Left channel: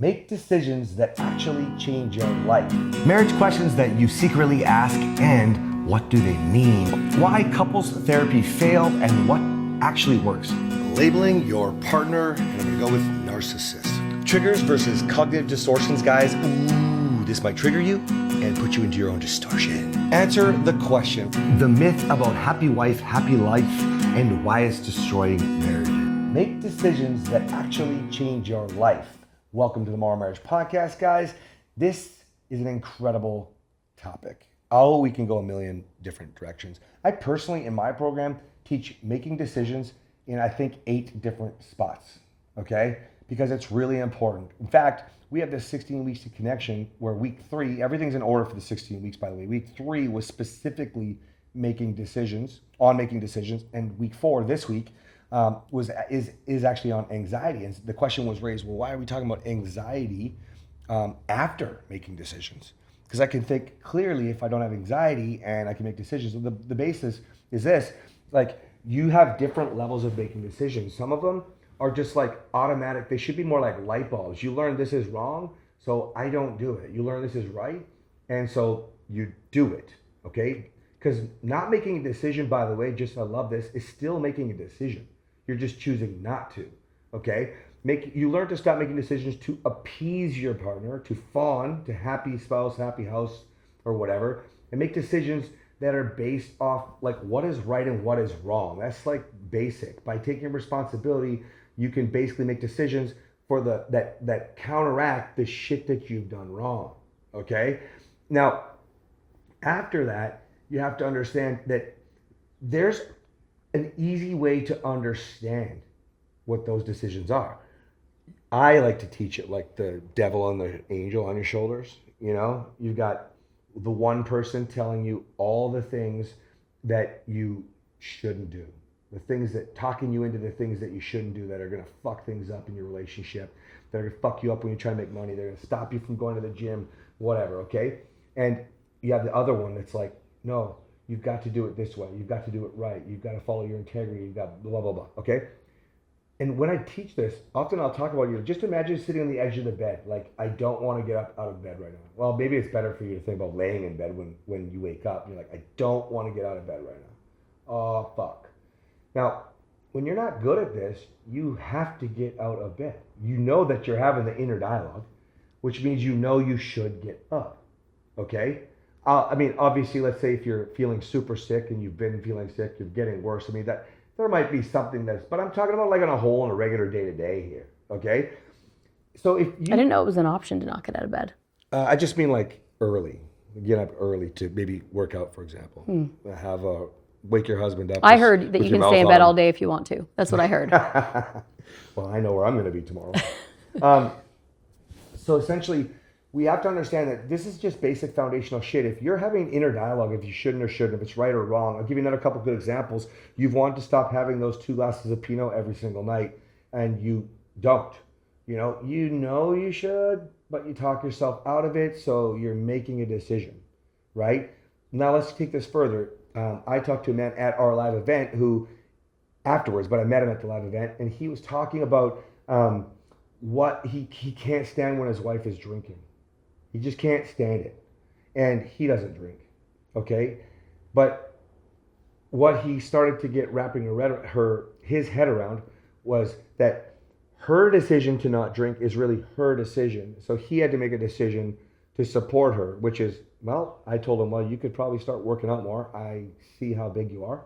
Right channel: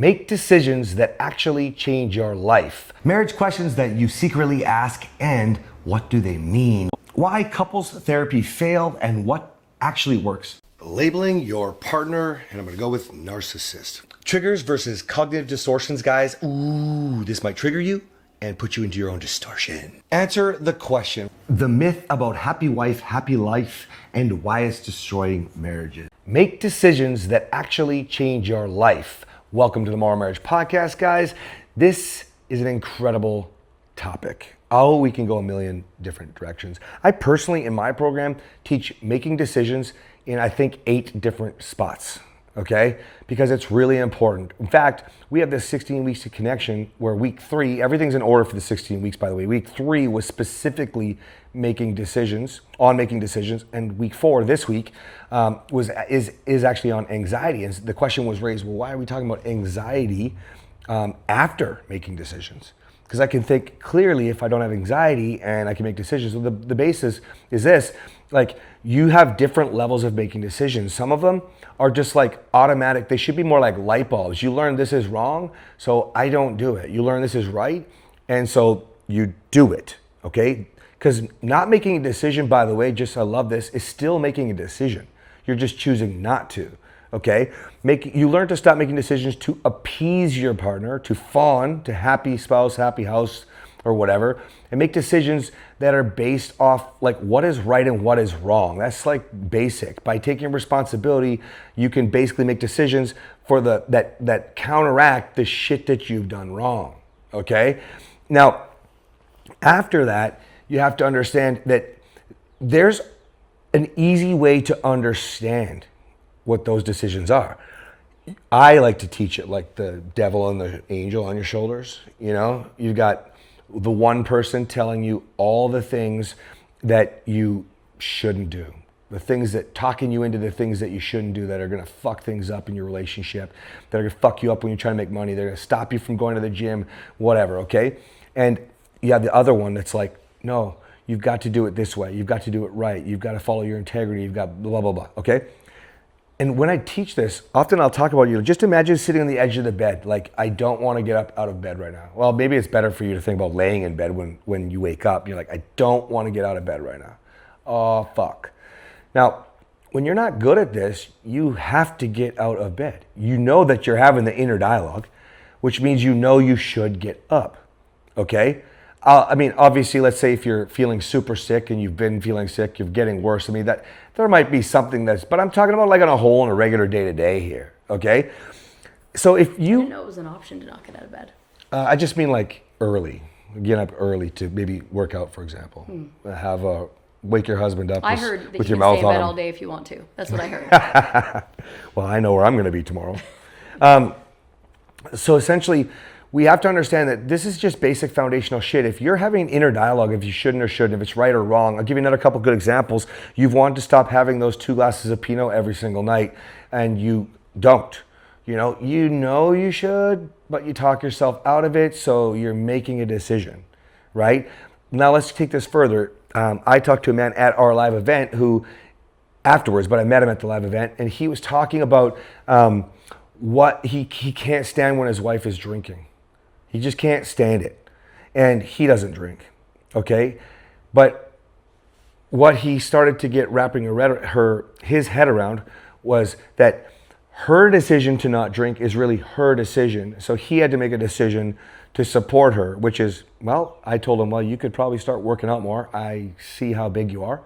Make decisions that actually change your life. Marriage questions that you secretly ask, and what do they mean? Why couples therapy fail and what actually works. Labeling your partner, and I'm gonna go with narcissist. Triggers versus cognitive distortions, guys. Ooh, this might trigger you and put you into your own distortion. Answer the question, the myth about happy wife, happy life, and why it's destroying marriages. Make decisions that actually change your life. Welcome to the Morrow Marriage podcast, guys. This is an incredible topic. Oh, we can go a million different directions. I personally, in my program, teach making decisions in, I think, 8 different spots, okay? Because it's really important. In fact, we have this 16 weeks to connection where week 3, everything's in order for the 16 weeks, by the way. Week 3 was specifically making decisions, and week 4, this week, is actually on anxiety. And the question was raised, well, why are we talking about anxiety after making decisions? Because I can think clearly if I don't have anxiety and I can make decisions. So the basis is this, like, you have different levels of making decisions. Some of them are just like automatic. They should be more like light bulbs. You learn this is wrong, so I don't do it. You learn this is right, and so you do it, okay? Because not making a decision, by the way, just I love this, is still making a decision. You're just choosing not to, okay? You learn to stop making decisions to appease your partner, to fawn, to happy spouse, happy house, or whatever, and make decisions that are based off like what is right and what is wrong. That's like basic. By taking responsibility, you can basically make decisions for that counteract the shit that you've done wrong, okay? Now, after that, you have to understand that there's an easy way to understand what those decisions are. I like to teach it like the devil and the angel on your shoulders. You know, you've got the one person telling you all the things that you shouldn't do, the things that talking you into the things that you shouldn't do that are gonna fuck things up in your relationship, that are gonna fuck you up when you're trying to make money, they're gonna stop you from going to the gym, whatever, okay? And you have the other one that's like, no, you've got to do it this way, you've got to do it right, you've got to follow your integrity, you've got blah, blah, blah, okay? And when I teach this, often I'll talk about, just imagine sitting on the edge of the bed, like, I don't want to get up out of bed right now. Well, maybe it's better for you to think about laying in bed when you wake up. You're like, I don't want to get out of bed right now. Oh, fuck. Now, when you're not good at this, you have to get out of bed. You know that you're having the inner dialogue, which means you know you should get up, okay? I mean, obviously, let's say if you're feeling super sick and you've been feeling sick, you're getting worse. I mean, that there might be something but I'm talking about like on a whole in a regular day-to-day here, okay? So if you... I didn't know it was an option to not get out of bed. I just mean like early, get up early to maybe work out, for example. Wake your husband up. I heard that you can stay in bed all day if you want to. That's what I heard. Well, I know where I'm gonna be tomorrow. So essentially, we have to understand that this is just basic foundational shit. If you're having an inner dialogue, if you shouldn't or shouldn't, if it's right or wrong, I'll give you another couple good examples. You've wanted to stop having those 2 glasses of Pinot every single night, and you don't. You know you should, but you talk yourself out of it, so you're making a decision, right? Now let's take this further. I talked to a man at our live event who, afterwards, but I met him at the live event, and he was talking about what he can't stand when his wife is drinking. He just can't stand it. And he doesn't drink, okay? But what he started to get wrapping his head around was that her decision to not drink is really her decision. So he had to make a decision to support her, which is, well, I told him, well, you could probably start working out more. I see how big you are.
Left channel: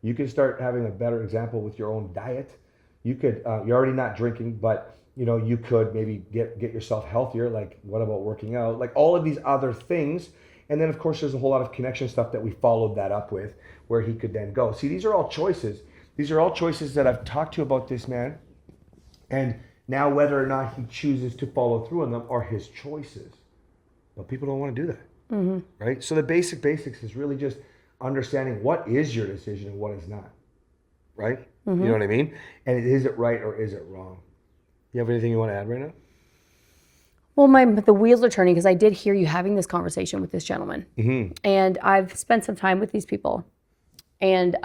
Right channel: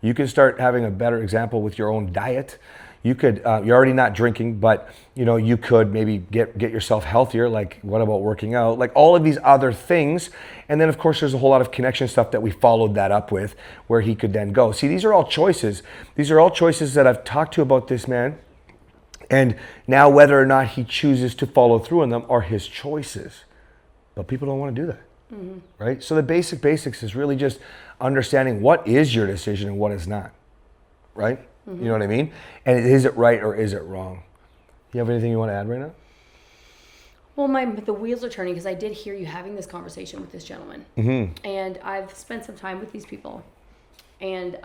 You can start having a better example with your own diet. You could, you're already not drinking, but you could maybe get yourself healthier. Like, what about working out? Like all of these other things. And then of course there's a whole lot of connection stuff that we followed that up with where he could then go. See, these are all choices. These are all choices that I've talked to about this man. And now whether or not he chooses to follow through on them are his choices. But people don't want to do that, right? So the basics is really just understanding what is your decision and what is not, right? You know what I mean? And is it right or is it wrong? You have anything you want to add right now? Well, the wheels are turning because I did hear you having this conversation with this gentleman. And I've spent some time with these people. And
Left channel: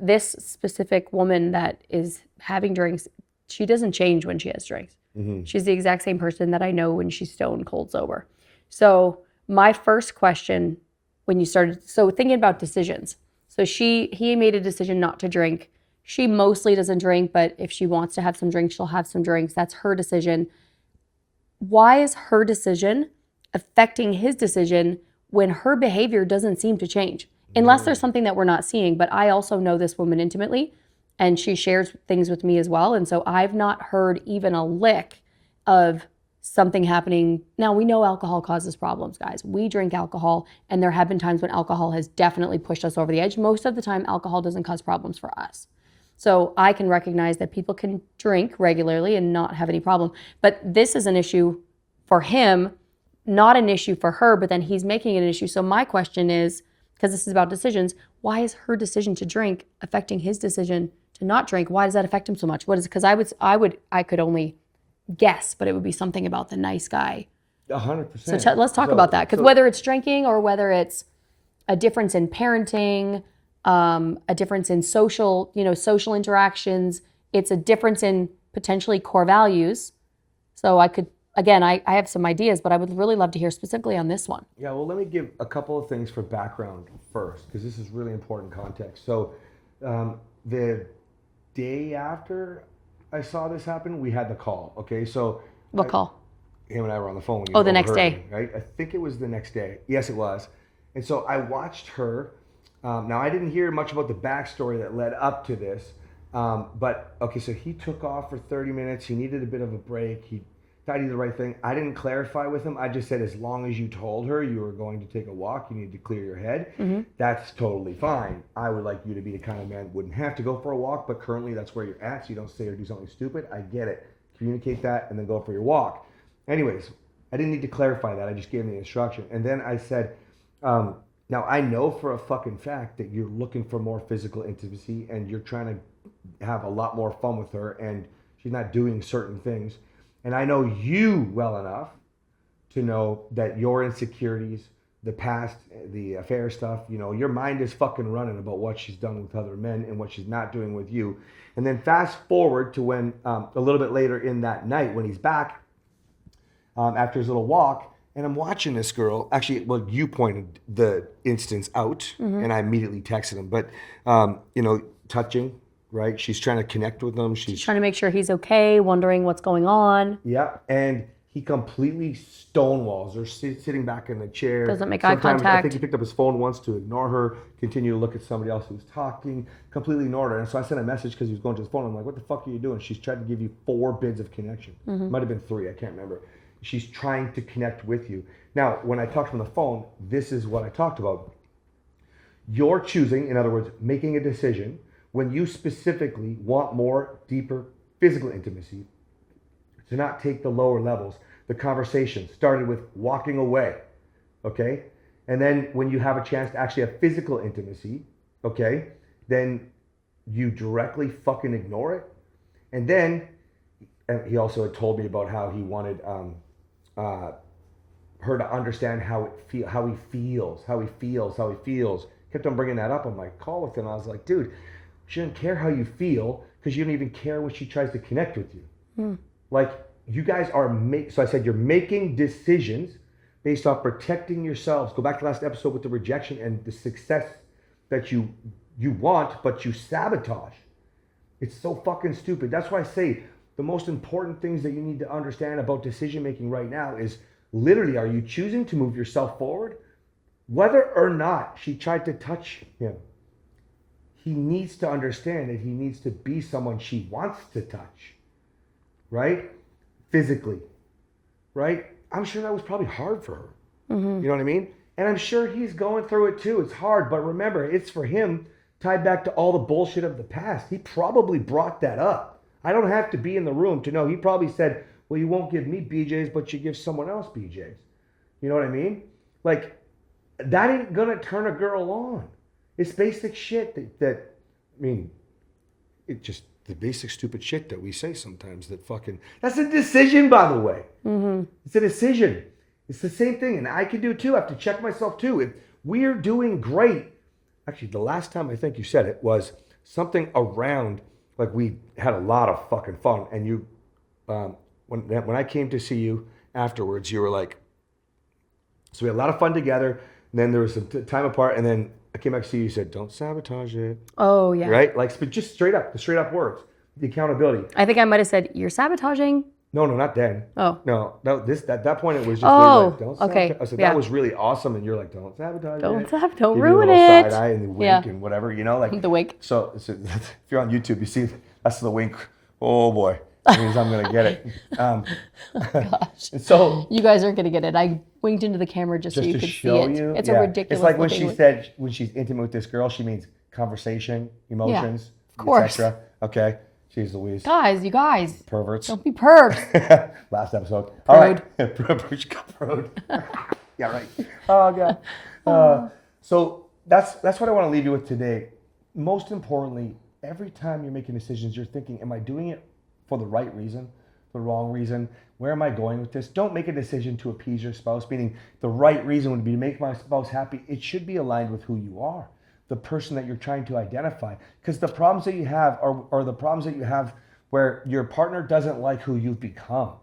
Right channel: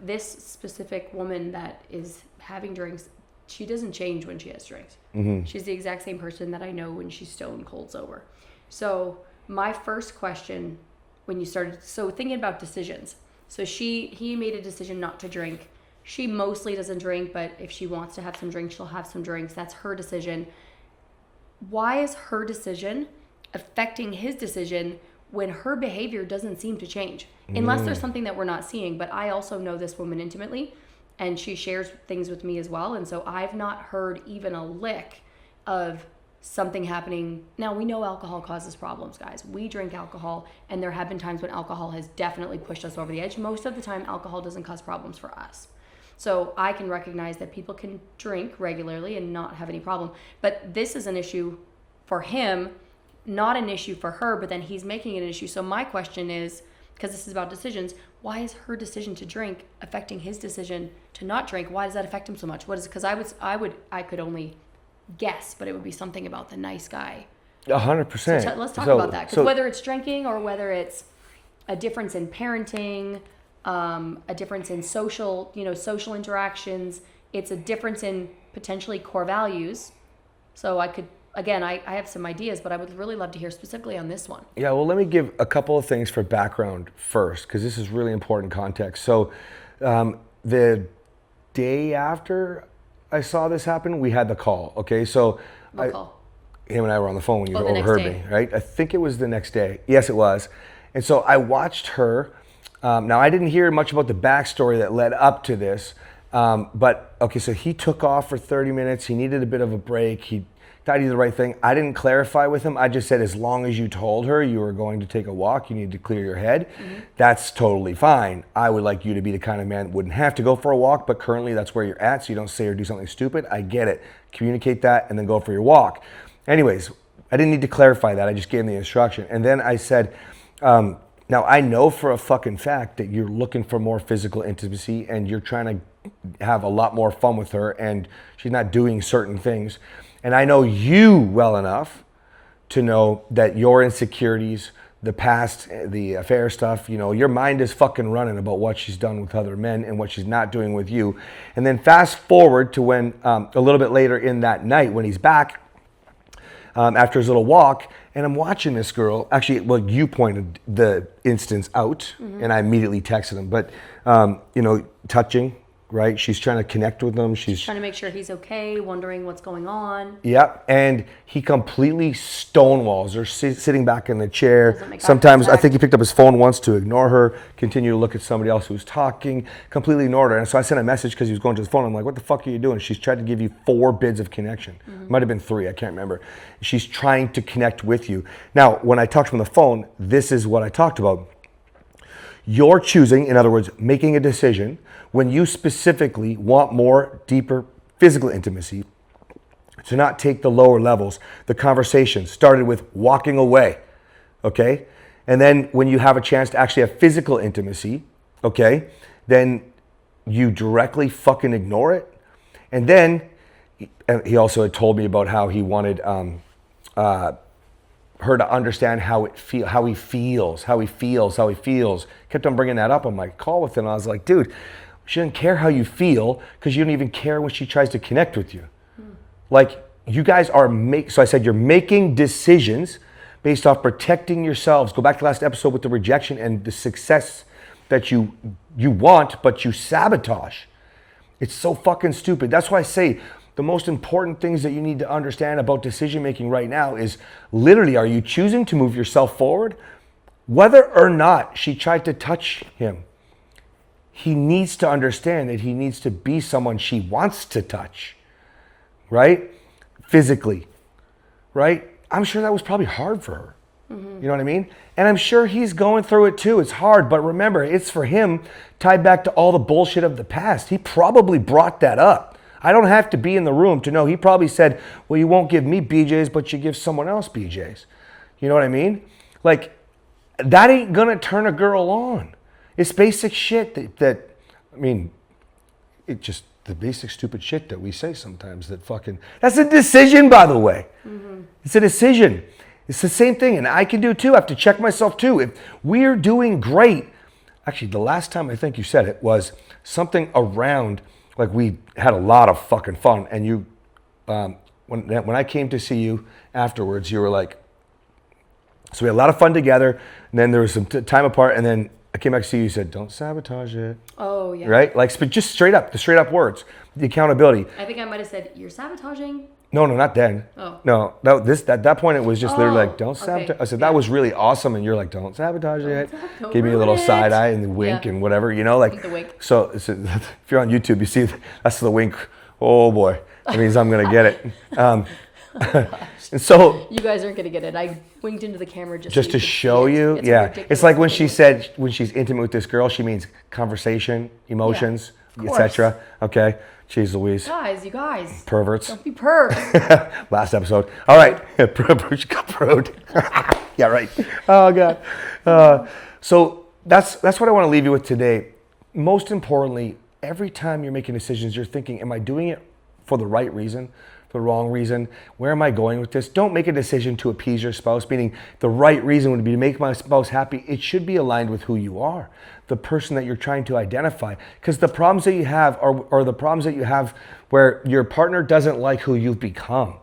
this specific woman that is having drinks she doesn't change when she has drinks. She's the exact same person that I know when she's stone cold sober. So my first question when you started, so thinking about decisions. So he made a decision not to drink. She mostly doesn't drink, but if she wants to have some drinks, she'll have some drinks. That's her decision. Why is her decision affecting his decision when her behavior doesn't seem to change? Unless there's something that we're not seeing. But I also know this woman intimately, and she shares things with me as well. And so I've not heard even a lick of something happening. Now, we know alcohol causes problems, guys. We drink alcohol, and there have been times when alcohol has definitely pushed us over the edge. Most of the time, alcohol doesn't cause problems for us. So I can recognize that people can drink regularly and not have any problem. But this is an issue for him, not an issue for her, but then he's making it an issue. So my question is, because this is about decisions, why is her decision to drink affecting his decision to not drink? Why does that affect him so much? What is it? Because I could only guess, but it would be something about the nice guy. 100%. So let's talk about that. Because whether it's drinking or whether it's a difference in parenting, a difference in social interactions, it's a difference in potentially core values. So I have some ideas, but I would really love to hear specifically on this one. Yeah, well, let me give a couple of things for background first, because this is really important context. So the day after I saw this happen, we had the call, okay? So What call? Him and I were on the phone when you the next day. me, right? I think it was the next day. Yes, it was. And so I watched her. Now, I didn't hear much about the backstory that led up to this, but okay, so he took off for 30 minutes. He needed a bit of a break. He thought he did the right thing. I didn't clarify with him. I just said, as long as you told her you were going to take a walk, you need to clear your head. That's totally fine. I would like you to be the kind of man that wouldn't have to go for a walk, but currently that's where you're at, so you don't say or do something stupid. I get it. Communicate that and then go for your walk. Anyways, I didn't need to clarify that. I just gave him the instruction. And then I said, now I know for a fucking fact that you're looking for more physical intimacy and you're trying to have a lot more fun with her and she's not doing certain things. And I know you well enough to know that your insecurities, the past, the affair stuff, your mind is fucking running about what she's done with other men and what she's not doing with you. And then fast forward to when a little bit later in that night when he's back after his little walk, and I'm watching this girl. Actually, well, you pointed the instance out, and I immediately texted him. But, touching, right? She's trying to connect with him. She's trying to make sure he's okay, wondering what's going on. Yep, and he completely stonewalls her, sitting back in the chair. Doesn't make eye Sometimes I contact. think he picked up his phone once to ignore her, continue to look at somebody else who was talking, completely ignored her. And so I sent a message because he was going to his phone. I'm like, what the fuck are you doing? She's tried to give you 4 bids of connection. Might have been 3, I can't remember. She's trying to connect with you. Now, when I talked to him on the phone, this is what I talked about. You're choosing, in other words, making a decision when you specifically want more deeper physical intimacy to not take the lower levels. The conversation started with walking away, okay? And then when you have a chance to actually have physical intimacy, okay, then you directly fucking ignore it. And then he also had told me about how he wanted her to understand how he feels. Kept on bringing that up on my call with him. I was like, dude, she doesn't care how you feel because you don't even care when she tries to connect with you. Like, you guys are so I said you're making decisions based off protecting yourselves. Go back to the last episode with the rejection and the success that you want, but you sabotage. It's so fucking stupid. That's why I say the most important things that you need to understand about decision making right now is literally, are you choosing to move yourself forward? Whether or not she tried to touch him, he needs to understand that he needs to be someone she wants to touch, right? Physically, right? I'm sure that was probably hard for her. You know what I mean? And I'm sure he's going through it too. It's hard, but remember, it's for him tied back to all the bullshit of the past. He probably brought that up. I don't have to be in the room to know. He probably said, well, you won't give me BJs, but you give someone else BJs. You know what I mean? Like, that ain't gonna turn a girl on. It's basic shit it just the basic stupid shit that we say sometimes that's a decision, by the way. It's a decision. It's the same thing, and I can do too. I have to check myself too. If we're doing great, actually the last time I think you said it was something around like we had a lot of fucking fun. And you, when I came to see you afterwards, you were like, so we had a lot of fun together. And then there was some time apart. And then I came back to see you. You said, "Don't sabotage it." Oh yeah. Right? Like, but just straight up, the straight up words, the accountability. I think I might have said, "You're sabotaging." No, not then. Oh. No, at that point it was just literally like, "Don't sabotage." Okay. I said, Yeah. "That was really awesome," and you're like, "Don't sabotage it." Don't Give me a ruin little it. side eye and the wink Yeah. and whatever, you know, like The wink. So if you're on YouTube, you see that's the wink. Oh boy, that means I'm gonna get it. And so You guys aren't gonna get it. I winked into the camera just to so you could show see it. you, It's yeah. a ridiculous It's like when looking she said when she's intimate with this girl, she means conversation, emotions, course. etc. Okay, jeez Louise, Guys, you guys, perverts. don't be pervs. Last episode. All right. She got prode. Yeah, right. Oh, God. So that's what I want to leave you with today. Most importantly, every time you're making decisions, you're thinking, am I doing it for the right reason? The wrong reason? Where am I going with this? Don't make a decision to appease your spouse, meaning the right reason would be to make my spouse happy. It should be aligned with who you are, the person that you're trying to identify. Because the problems that you have are the problems that you have where your partner doesn't like who you've become.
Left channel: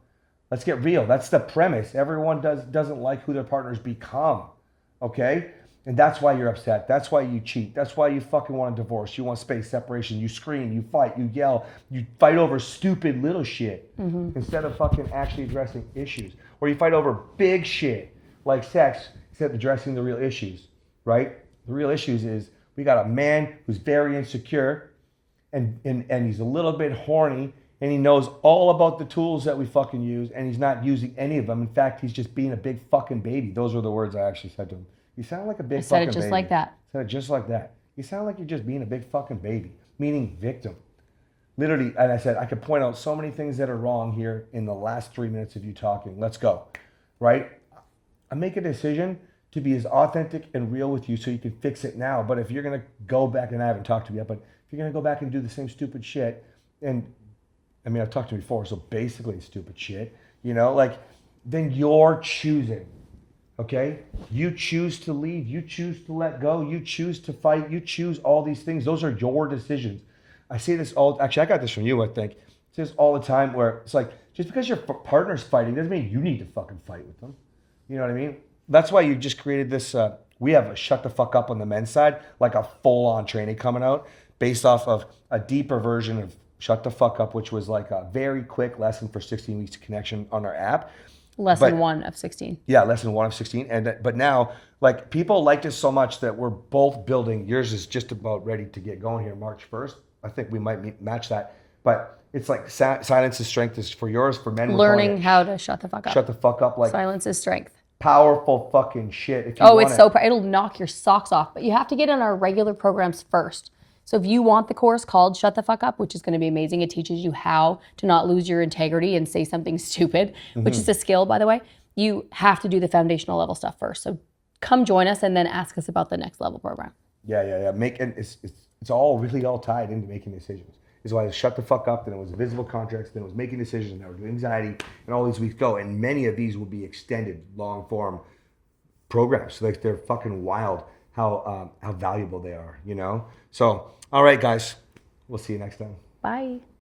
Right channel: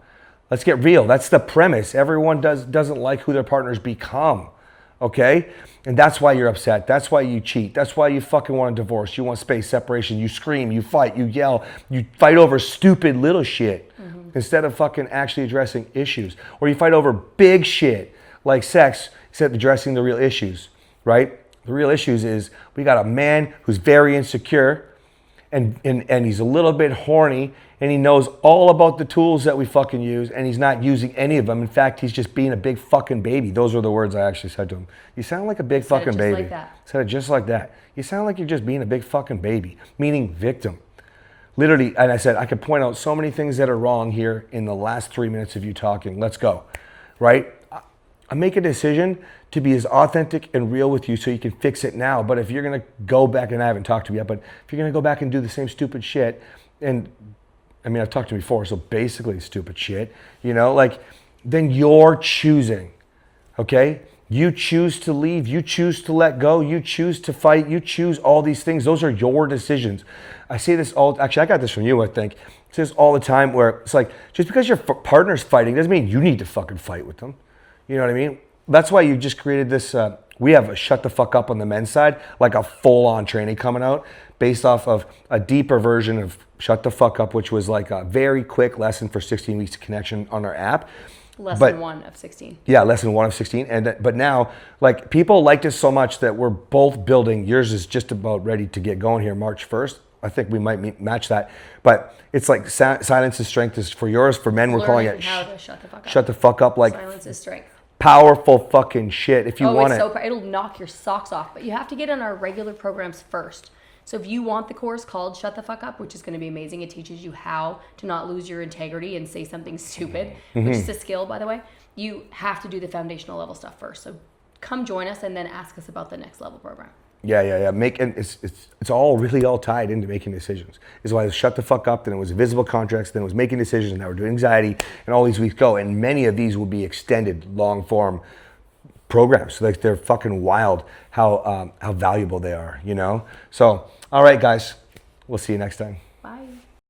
Let's get real. That's the premise. Everyone doesn't like who their partners become. Okay? And that's why you're upset. That's why you cheat. That's why you fucking want a divorce. You want space, separation. You scream, you fight, you yell. You fight over stupid little shit instead of fucking actually addressing issues. Or you fight over big shit like sex instead of addressing the real issues, right? The real issues is we got a man who's very insecure and he's a little bit horny and he knows all about the tools that we fucking use and he's not using any of them. In fact, he's just being a big fucking baby. Those were the words I actually said to him. You sound like a big fucking baby. Said it just like that. Said it just like that. You sound like you're just being a big fucking baby, meaning victim. Literally, and I said, I could point out so many things that are wrong here in the last 3 minutes of you talking. Let's go, right? I make a decision to be as authentic and real with you so you can fix it now. But if you're gonna go back, and I haven't talked to you yet, but if you're gonna go back and do the same stupid shit, and I mean, I've talked to you before, so basically stupid shit, you know, like, then you're choosing, okay? You choose to leave, you choose to let go, you choose to fight, you choose all these things. Those are your decisions. I say this actually, I got this from you, I think. I say this all the time where it's like, just because your partner's fighting doesn't mean you need to fucking fight with them. You know what I mean? That's why you just created this, we have a shut the fuck up on the men's side, like a full-on training coming out based off of a deeper version of Shut the Fuck Up, which was like a very quick lesson for 16 weeks of connection on our app. Lesson 1 of 16. Yeah, lesson 1 of 16. But now, like, people liked us so much that we're both building. Yours is just about ready to get going here, March 1st. I think we might match that. But it's like silence is strength is for yours. For men, we're calling it how to shut the fuck up. Shut the fuck up. Like, silence is strength. Powerful fucking shit. If you want it's so it'll knock your socks off. But you have to get in our regular programs first. So if you want the course called Shut the Fuck Up, which is going to be amazing, it teaches you how to not lose your integrity and say something stupid, which is a skill, by the way. You have to do the foundational level stuff first. So come join us and then ask us about the next level program. Yeah. It's all really all tied into making decisions. It's why it was Shut the Fuck Up, then it was Visible Contracts, then it was Making Decisions, and now we're doing Anxiety, and all these weeks go. And many of these will be extended, long form programs. So like they're fucking wild how valuable they are, you know? So, all right, guys, we'll see you next time. Bye.